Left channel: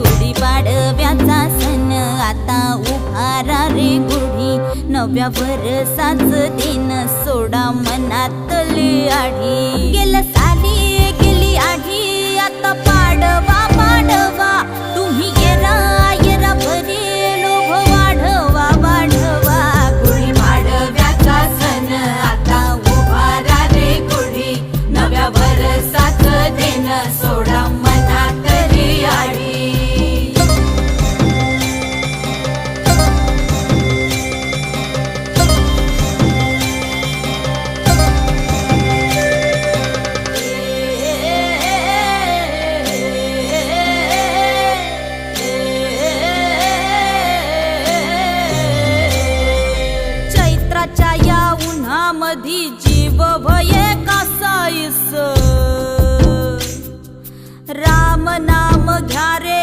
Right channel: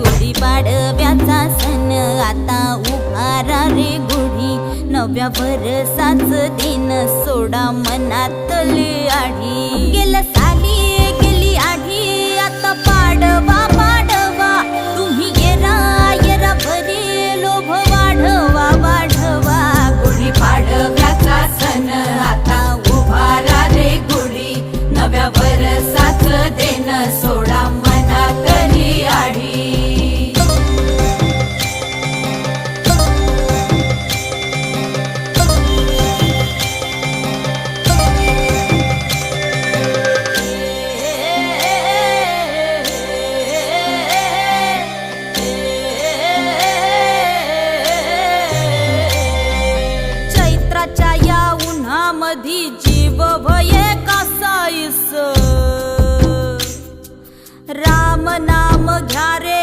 गुढीपाडव्याचा सण आता उभारा रे गुढी, नव्या वर्षाच दिन सोडा मनातली आढी। गेलं साली गेली आढी, आता पाडवा पाडवा, तुम्ही येरा येरा बरे लोभ वाढवा वाढवा। गुढीपाडव्याचा सण आता उभारा रे गुढी, नव्या वर्षाच दिन सोडा मनातली आढी। चैत्राच्या या उन्हामधी जीव भये कासाईस, राम नाम घ्या रे